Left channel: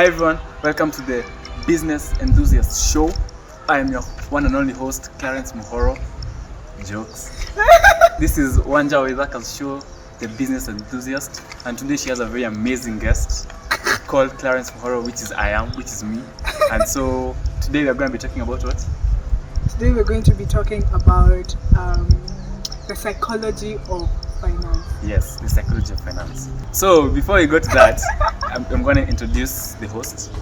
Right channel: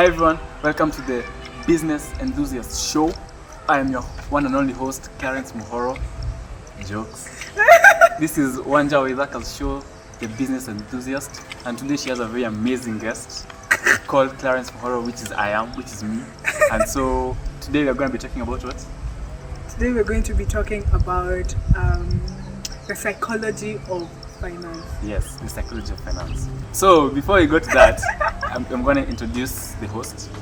Hi everyone, welcome to the Business Enthusiast Show. I am your one and only host, Clarence Muhoro. Jokes. This is Wanja Waithaka's show, the Business Enthusiast, and today she has a very amazing guest called Clarence Muhoro, which is me. And so today we are going to be talking about what? Today we're going to be talking about the psychology of finance. Yes, the psychology of finance. So before we go to that, I'm going to introduce the host.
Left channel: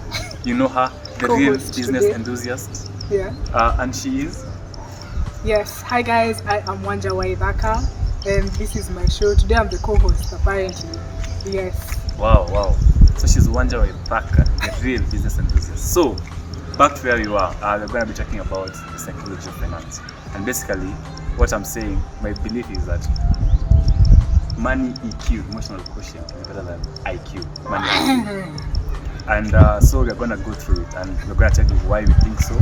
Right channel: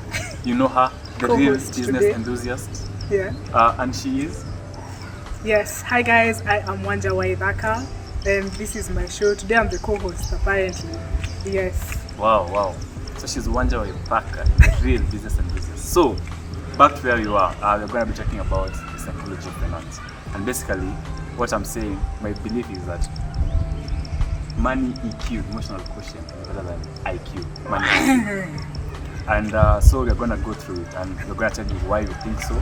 You know her, the real Co-host business today. enthusiast. Yeah. And she is? Yes. Hi guys, I am Wanja Waithaka, and this is my show. Today I'm the co-host, apparently. Yes. Wow. So she's Wanja Waithaka, the real business enthusiast. So, back to where we are. We're going to be talking about the psychology of finance. And basically, what I'm saying, my belief is that money EQ, emotional quotient, is better than IQ. Money IQ. And so we're going to go through it, and we're going to tell you why we think so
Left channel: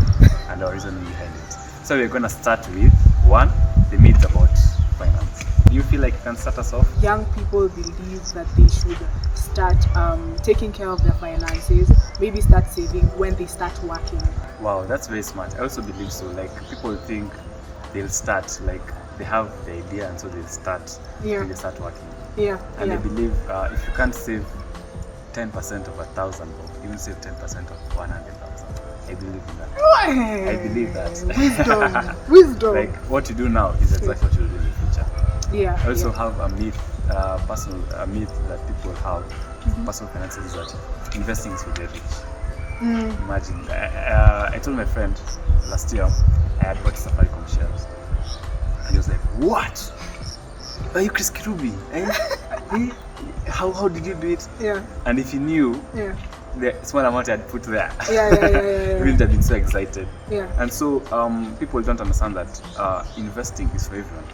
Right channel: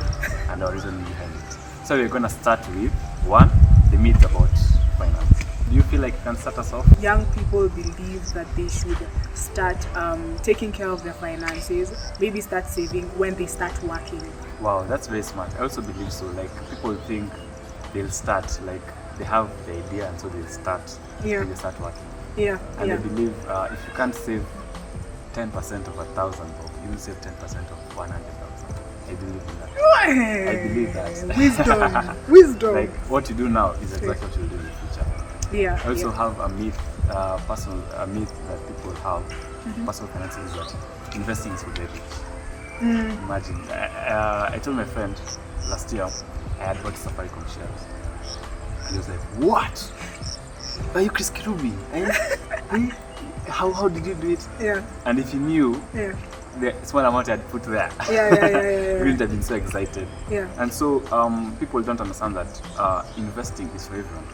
and our reasoning behind it. So we're going to start with one, the myth about finance. Do you feel like you can start us off? Young people believe that they should start taking care of their finances, maybe start saving when they start working. Wow, that's very smart. I also believe so. Like, people think they'll start, like, they have the idea and so they'll start when they start working. Yeah. And I believe if you can't save 10% of 1,000, you will save 10% of 100,000. I believe in that. I believe that. Wisdom. Like, what you do now is exactly what you'll do in the future. Yeah. I also have a myth, a myth that people have. Personal finances is that investing is for the rich. Imagine, I told my friend last year I had bought Safaricom shares, and he was like, "What? Are you Chris Kirubi? How did you do it?" Yeah. And if he knew the small amount I had put there, he wouldn't have been so excited. Yeah. And so people don't understand that investing is for everyone.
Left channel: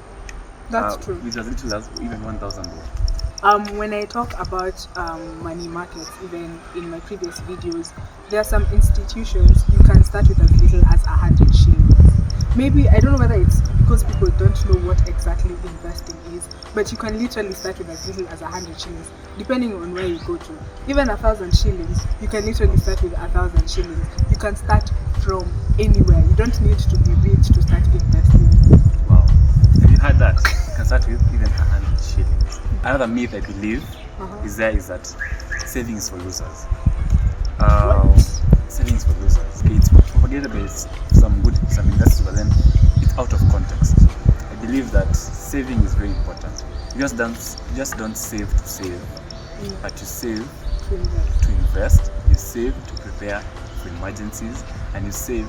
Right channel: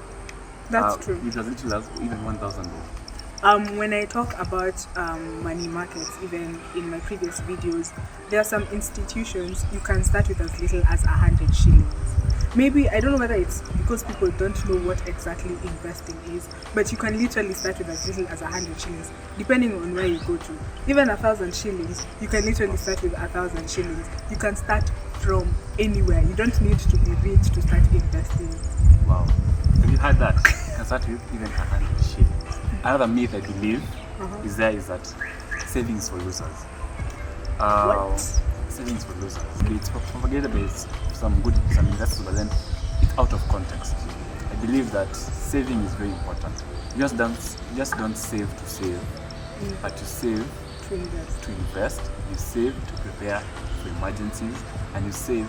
That's true. With as little as even 1,000. When I talk about money markets, even in my previous videos, there are some institutions you can start with as little as 100 shillings. Maybe, I don't know whether it's because people don't know what exactly investing is, but you can literally start with as little as 100 shillings, depending on where you go to. Even 1,000 shillings, you can literally start with 1,000 shillings. You can start from anywhere. You don't need to be rich to start investing. Wow. Have you heard that? You can start with even 100 shillings. Another myth I believe is that saving is for losers. What? Saving is for losers. It's propagated by some investors, but then it's out of context. I believe that saving is very important. You just don't save to save, but to save To invest. to invest. You save to prepare for emergencies, and you save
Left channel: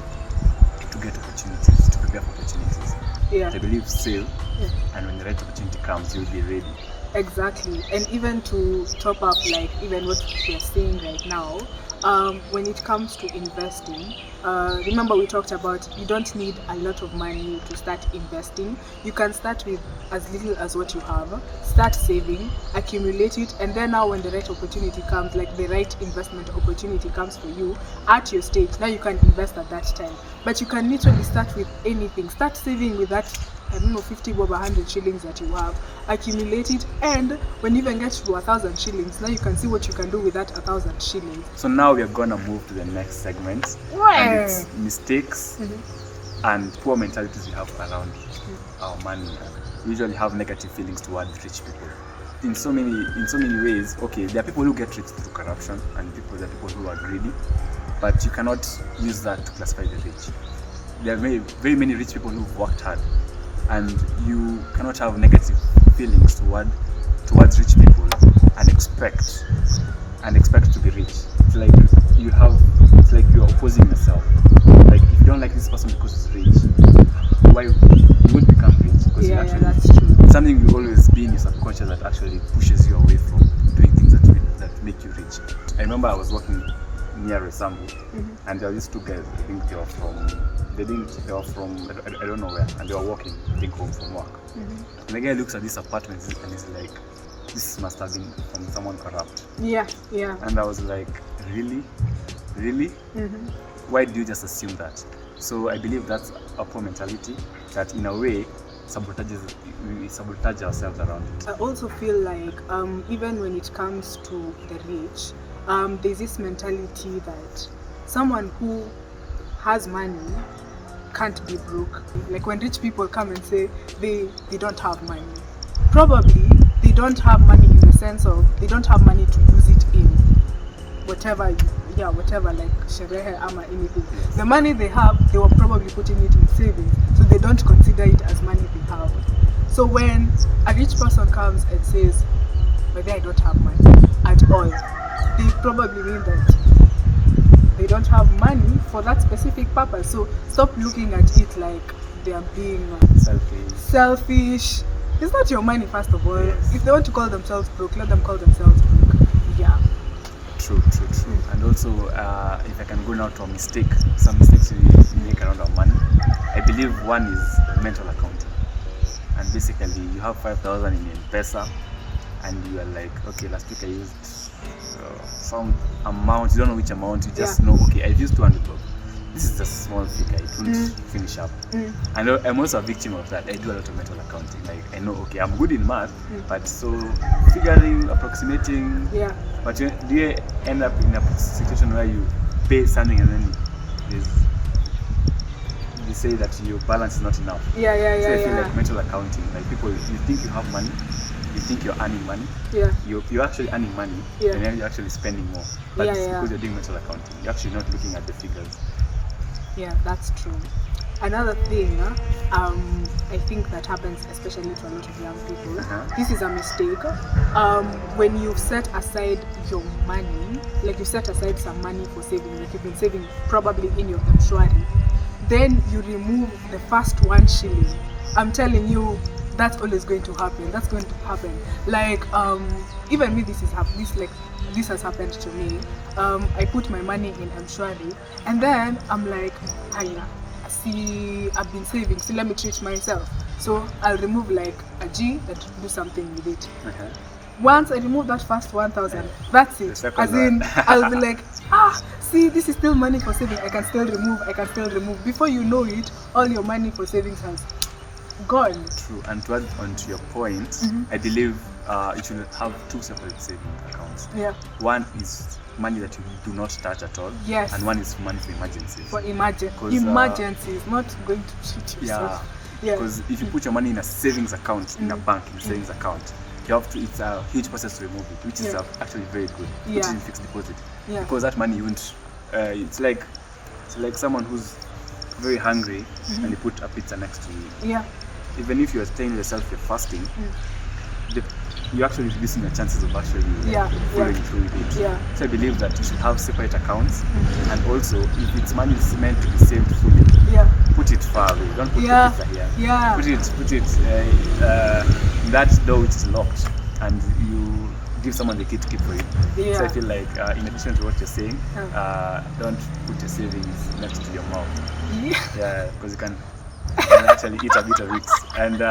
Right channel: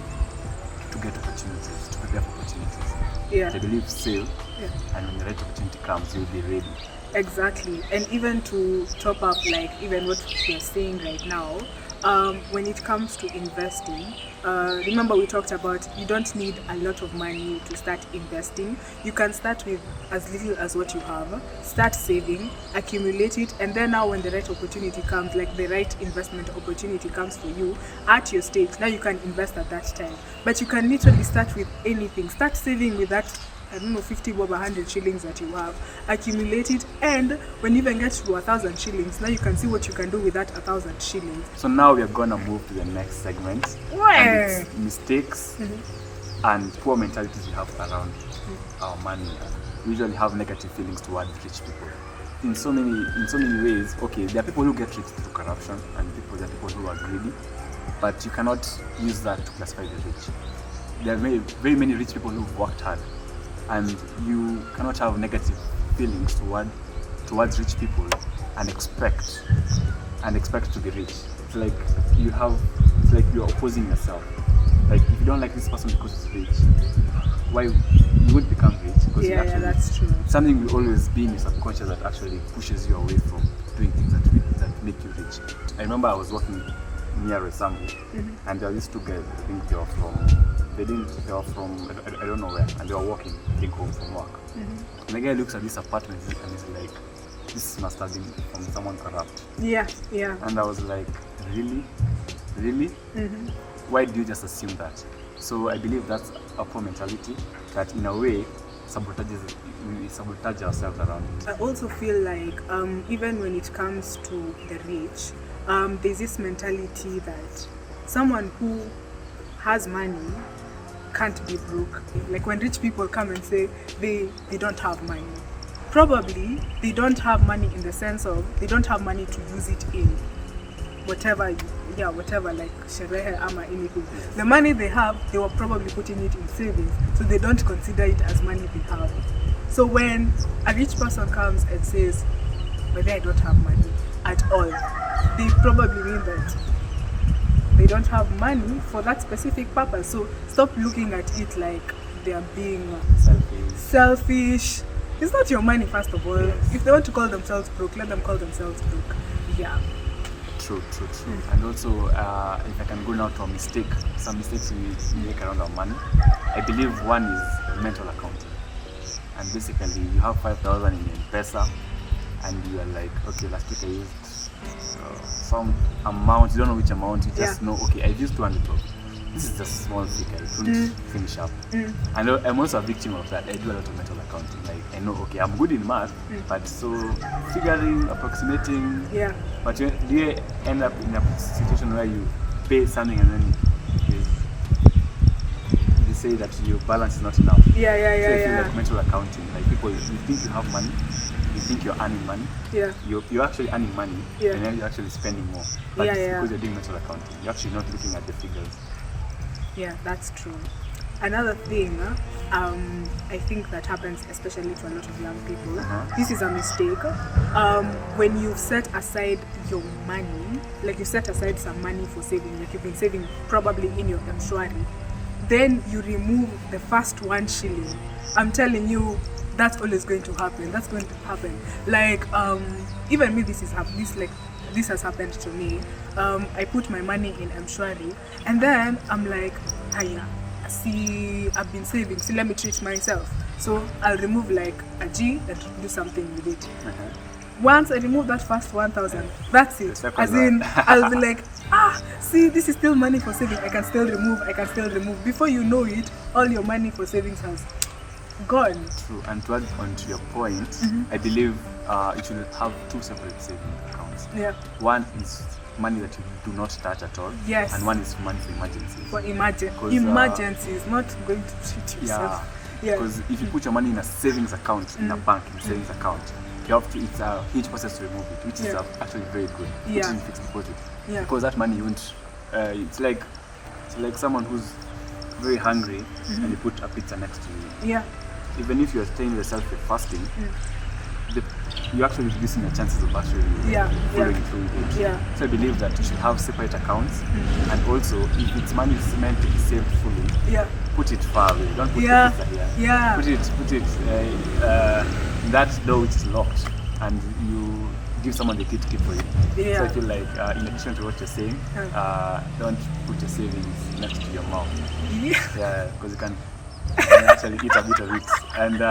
to get opportunities, to prepare for opportunities. Yeah. I believe save, and when the right opportunity comes, you'll be ready. Exactly. And even to top up, like even what we are saying right now, when it comes to investing, remember we talked about you don't need a lot of money to start investing. You can start with as little as what you have, start saving, accumulate it, and then now when the right opportunity comes, like the right investment opportunity comes for you at your stage, now you can invest at that time. But you can literally start with anything. Start saving with that, I don't know, 50 bob, 100 shillings that you have, accumulate it, and when you even get to 1,000 shillings, now you can see what you can do with that 1,000 shillings. So now we are gonna move to the next segment. And it's mistakes and poor mentalities we have around our money. We usually have negative feelings towards rich people. In so many ways. Okay, there are people who get rich through corruption, and there are people who are greedy, but you cannot use that to classify the rich. There are very many rich people who've worked hard, and you cannot have negative feelings towards rich people and expect to be rich. It's like you're opposing yourself. Like, if you don't like this person because he's rich, why you won't become rich? Because That's true. something will always be in your subconscious that actually pushes you away from doing things that make you rich. I remember I was working near Resambu, and there were these two guys. I think they were from I don't know where, and they were walking, I think, home from work. And the guy looks at this apartment and he's like, "This must have been from someone corrupt." Yeah. And I was like, really? Why do you just assume that? So I believe that's a poor mentality that, in a way, we sabotage ourselves around it. I also feel like even when it comes to the rich, there's this mentality that someone who has money can't be broke. Like when rich people come and say they don't have money, probably they don't have money in the sense of they don't have money to use it in whatever like sherehe ama anything. The money they have, they were probably putting it in savings, so they don't consider it as money they have. So when a rich person comes and says, "Maybe I don't have money at all," they probably mean that they don't have money for that specific purpose. So stop looking at it like they are being selfish. It's not your money, first of all. Yes. If they want to call themselves broke, let them call themselves broke. Yeah. True. And also, if I can go now to a mistake, some mistakes we make around our money. I believe one is mental accounting. And basically, you have 5,000 in M-Pesa, and you are like, okay, last week I used some amount. You don't know which amount. You just know, okay, I used 200 bob. This is a small figure. It won't finish up. And I'm also a victim of that. I do a lot of mental accounting. Like I know, okay, I'm good in math, but so figuring, approximating. Yeah. But do you end up in a situation where you pay something and then you say that your balance is not enough? So I feel like mental accounting. Like people, you think you have money, you think you're earning money. Yeah. You're actually earning money, and then you're actually spending more. But it's because you're doing mental accounting. You're actually not looking at the figures. Yeah, that's true. Another thing, I think that happens especially to a lot of young people. This is a mistake. When you set aside your money, like you set aside some money for saving, like you've been saving probably in your M-Shwari, then you remove the first 1 shilling. I'm telling you, that's always going to happen. That's going to happen. Like even me, this has happened to me. I put my money in M-Shwari, and then I'm like, see, I've been saving, so let me treat myself. So I'll remove like a G and do something with it. Once I remove that first 1,000, that's it. As in, I'll be like, see, this is still money for saving. I can still remove. Before you know it, all your money for savings has gone. True. And to add on to your point, I believe you should have 2 separate saving accounts. Yeah. One is money that you do not touch at all. Yes. And one is money for emergencies. For emergencies, not going to treat yourself. Yeah. Because if you put your money in a savings account, in a bank, in a savings account, you have to. It's a huge process to remove it, which is actually very good. Put it in fixed deposit. Yeah. Because that money you won't. It's like someone who's very hungry and you put a pizza next to you. Yeah. Even if you're telling yourself you're fasting, you're actually reducing your chances of actually following through with it. Yeah. So I believe that you should have separate accounts, and also if it's money is meant to be saved fully, put it far away. Don't put the pizza here. Yeah. Put it in that door which is locked, and you give someone the key to keep for you. Yeah. So I feel like in addition to what you're saying, don't put your savings next to your mouth. Yeah, because you can actually eat a bit of it. And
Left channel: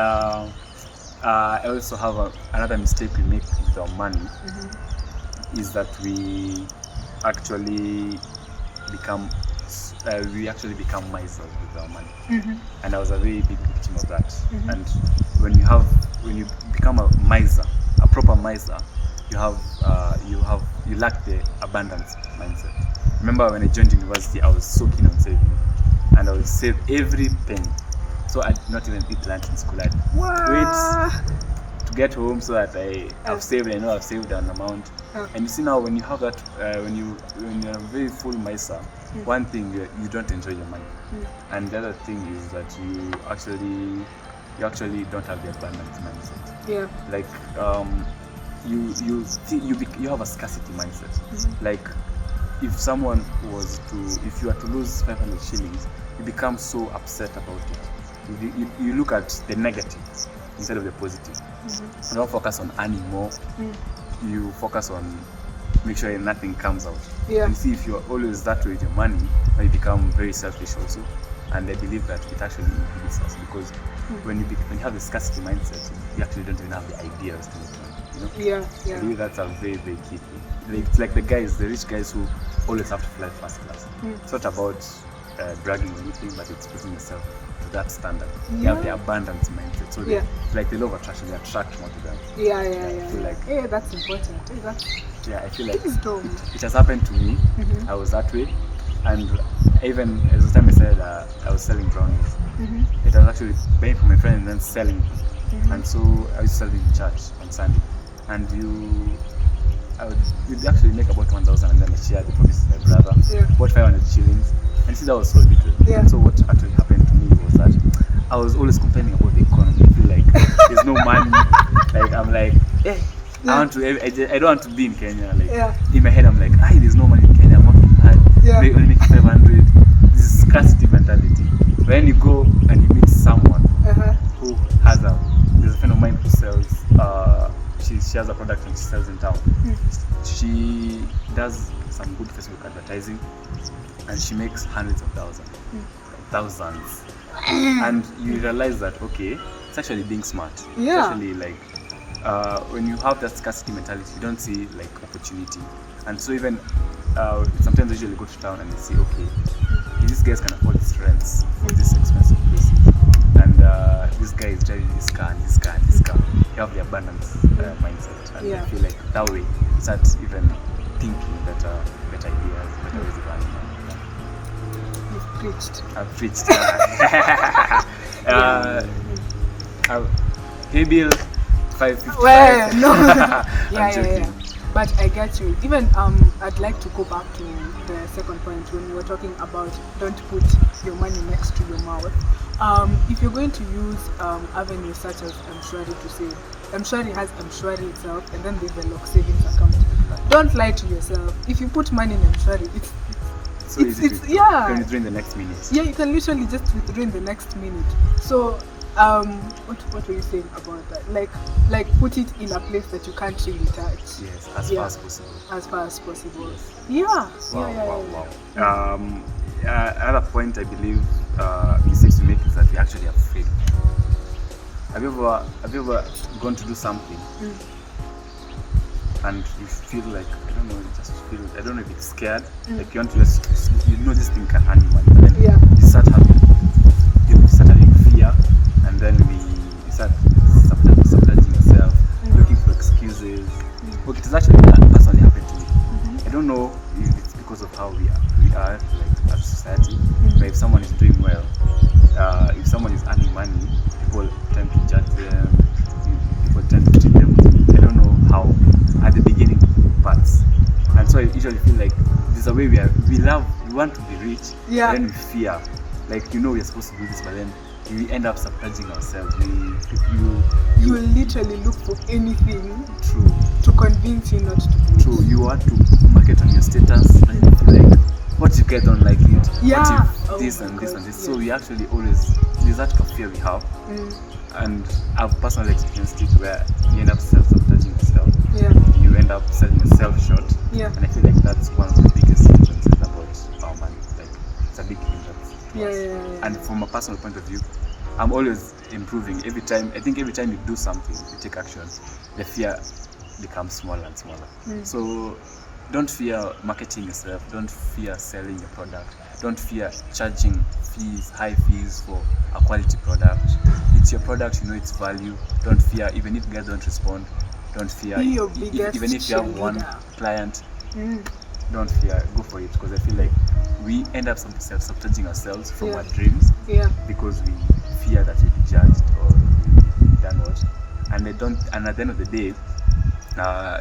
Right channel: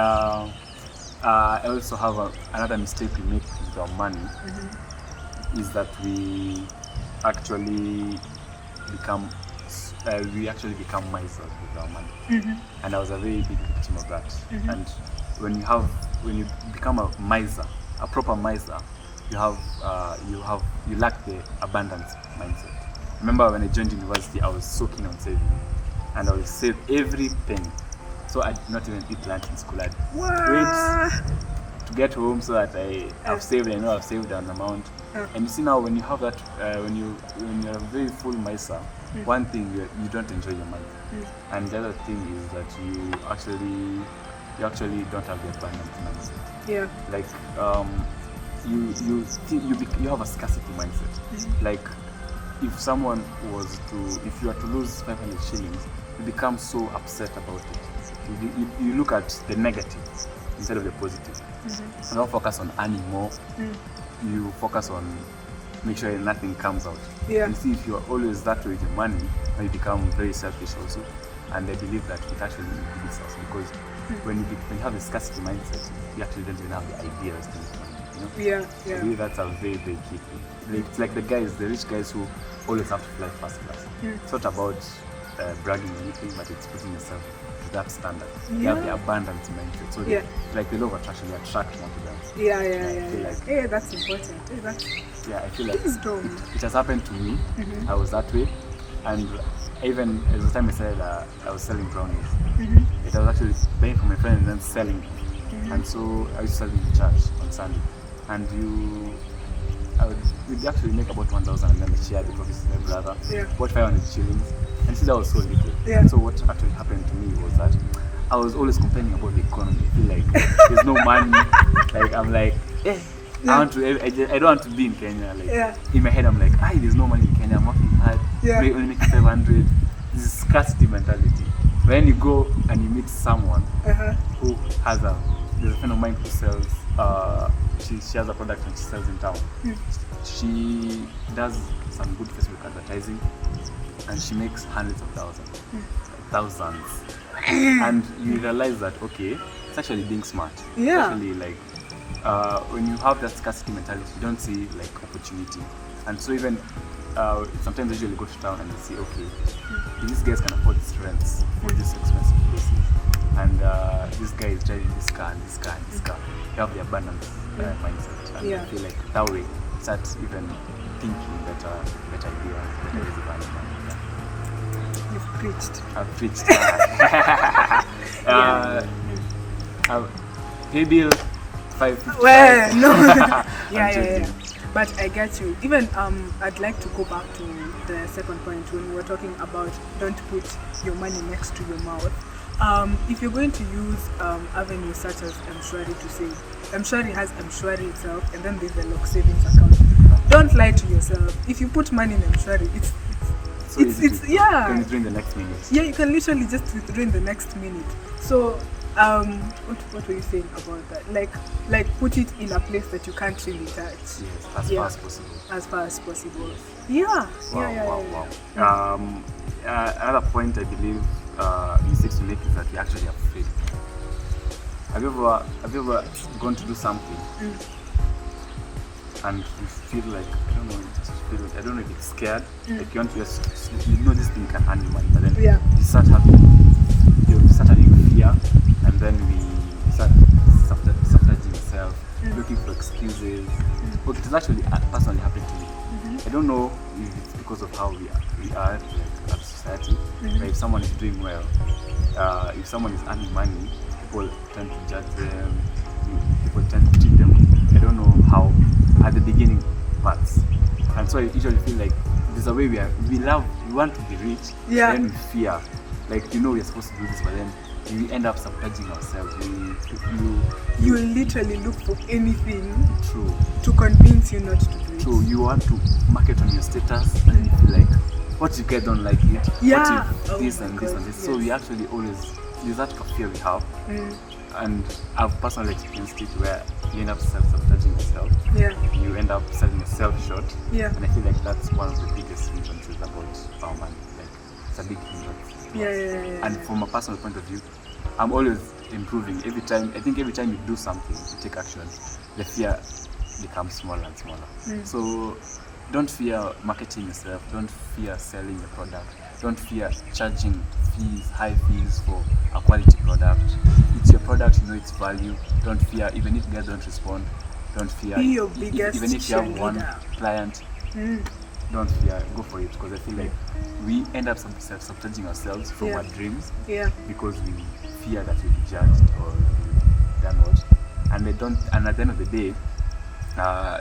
I also have another mistake we make with our money is that we actually become misers with our money. And I was a very big victim of that. And when you become a miser, a proper miser, you lack the abundance mindset. Remember when I joined university, I was so keen on saving, and I would save every penny. So I did not even eat lunch in school. I'd wait to get home so that I've saved. I know I've saved an amount. And you see now, when you have that, when you're a very full miser, one thing you don't enjoy your money, and the other thing is that you actually don't have the abundance mindset. Yeah. Like you have a scarcity mindset. Like if you were to lose 500 shillings, you become so upset about it. You look at the negative instead of the positive. You don't focus on earning more. You focus on make sure nothing comes out. Yeah. You see, if you're always that way with your money, you become very selfish also. And I believe that it actually inhibits us, because when you have a scarcity mindset, you actually don't even have the ideas to make money. You know? Yeah. I believe that's a very, very key thing. It's like the rich guys who always have to fly first class. It's not about bragging or anything, but it's putting yourself to that standard. They have the abundance mindset. So they, like the law of attraction, they attract more to them. I feel like, hey, that's important. Hey, I feel like it has happened to me. I was that way. And even at the time I said I was selling brownies, it was actually buying from my friend and then selling. And so I used to sell in church on Sunday. And you'd actually make about 1,000 and then I shared the profits with my brother. About 500 shillings. And see, that was so little. And so what actually happened to me was that I was always complaining about the economy. I feel like there's no money. Like I'm like, I don't want to be in Kenya. Like in my head I'm like, there's no money in Kenya. I'm working hard. Only making 500. This is scarcity mentality. When you go and you meet someone who has there's a friend of mine who sells she has a product and she sells in town. She does some good Facebook advertising and she makes hundreds of thousands. And you realize that it's actually being smart. It's actually like when you have that scarcity mentality, you don't see like opportunity. And so even sometimes I usually go to town and I see, if these guys can afford these rents for these expensive places, and this guy is driving this car and this car and this car, you have the abundance mindset. And I feel like that way you start even thinking better ideas, better ways of earning money. You've preached. I've preached. Pay bill 555. Well, no. But I get you. Even I'd like to go back to the second point when we were talking about don't put your money next to your mouth. If you're going to use avenues such as M-Shwari to save, M-Shwari has M-Shwari itself, and then there's the lock savings account. Don't lie to yourself. If you put money in M-Shwari, it's you can withdraw in the next minute. Yeah, you can literally just withdraw in the next minute. So what were you saying about that? Like put it in a place that you can't really touch. Yes, as far as possible. As far as possible. Yes. Wow. Another point I believe mistakes we make is that we actually are afraid. Have you ever gone to do something and you feel like, I don't know if it's scared, like you want to this thing can earn you money, but then you start having fear, and then we start sabotaging yourself, looking for excuses. Okay, it has actually personally happened to me. I don't know if it's because of how we are like, as society, but if someone is doing well, if someone is earning money, people tend to judge them, people tend to treat them, I don't know how, at the beginning parts. And so I usually feel like there's a way we want to be rich, then we fear. Like, we're supposed to do this, but then we end up sabotaging ourselves. You literally look for anything to convince you not to do it. True. You want to market on your status, and you feel like, what if I don't like it? What if this and this and this? Yes. So we actually always use that fear we have. And I've personally experienced it where you end up self-sabotaging yourself. You end up selling yourself short. And I feel like that's one of the biggest hindrances about our money. Like, it's a big hindrance. And from a personal point of view, I'm always improving. Every time you do something, you take action, the fear becomes smaller and smaller. So don't fear marketing yourself. Don't fear selling your product. Don't fear charging high fees for a quality product. It's your product, its value. Don't fear, even if guys don't respond. Don't fear. Be your biggest even if you have one client, don't fear. Go for it, because I feel like we end up sabotaging ourselves from our dreams because we fear that we'll be judged or we'll done what. And at the end of the day,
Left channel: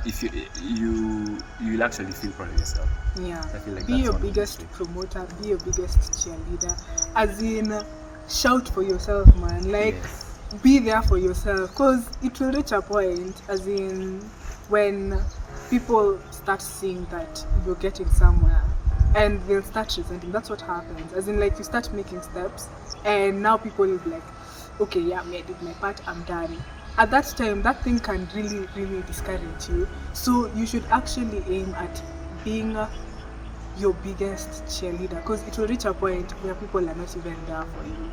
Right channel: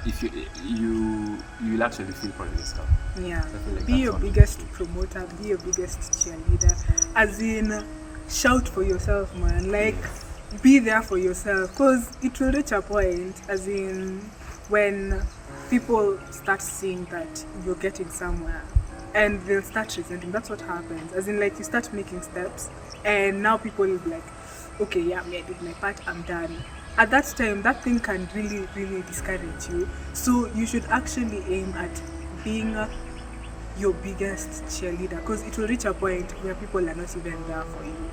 if you'll actually feel proud of yourself. I feel like be your biggest promoter, be your biggest cheerleader. As in, shout for yourself, man. Like, be there for yourself, because it will reach a point, as in, when people start seeing that you're getting somewhere, and they'll start resenting. That's what happens. As in, like, you start making steps, and now people will be like, okay, I did my part, I'm done. At that time, that thing can really, really discourage you. So you should actually aim at being your biggest cheerleader, because it will reach a point where people are not even there for you.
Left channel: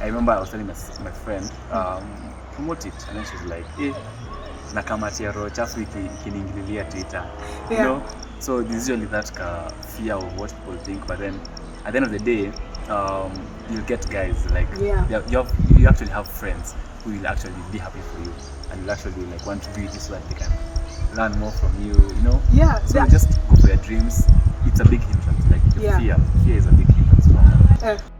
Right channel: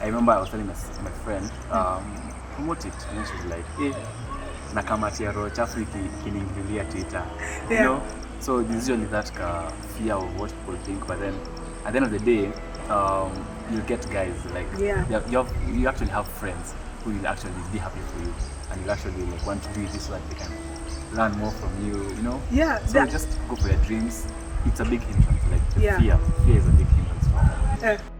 I remember I was telling my friend, promote it, and then she was like, nakamatia roho chafu ikiniingililia Twitter. You know? So there's usually that fear of what people think, but then at the end of the day, you'll get guys like Yeah. you actually have friends who will actually be happy for you, and you'll actually like want to do this so that they can learn more from you, you know. Yeah, So just go for your dreams. It's a big hindrance. Like Yeah. fear is a big hindrance from.